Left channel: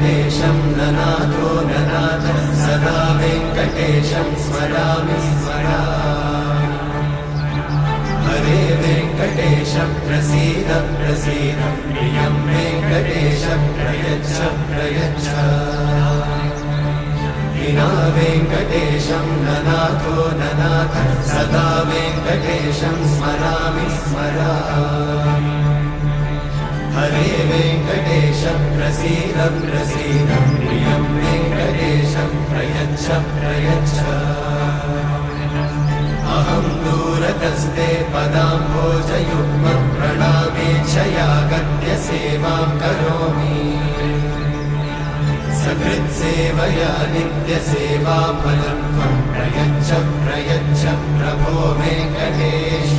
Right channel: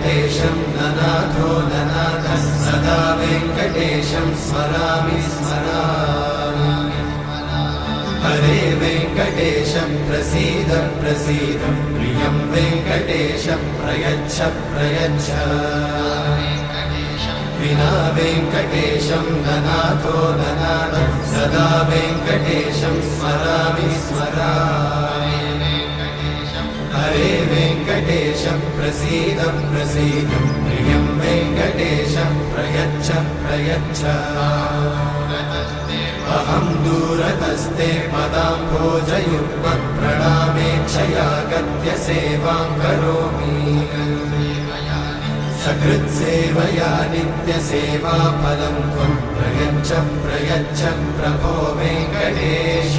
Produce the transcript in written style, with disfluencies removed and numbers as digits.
वेङ्कटेशं ननाथो ननाथः सदा वेङ्कटेशं स्मरामि स्मरामि। हरे वेङ्कटेशं प्रसीद प्रसीद प्रियं वेङ्कटेशं प्रयच्छ प्रयच्छ। विना वेङ्कटेशं ननाथो ननाथः सदा वेङ्कटेशं स्मरामि स्मरामि। हरे वेङ्कटेशं प्रसीद प्रसीद प्रियं वेङ्कटेशं प्रयच्छ प्रयच्छ। अहं दूरतस्ते पदाम्भोजयुग्मं प्रणामेच्छया गद्य सेवां करोमि। सकृत्सेवया नित्यसेवाफलं त्वं प्रयच्छ प्रयच्छ प्रभो वेङ्कटेश।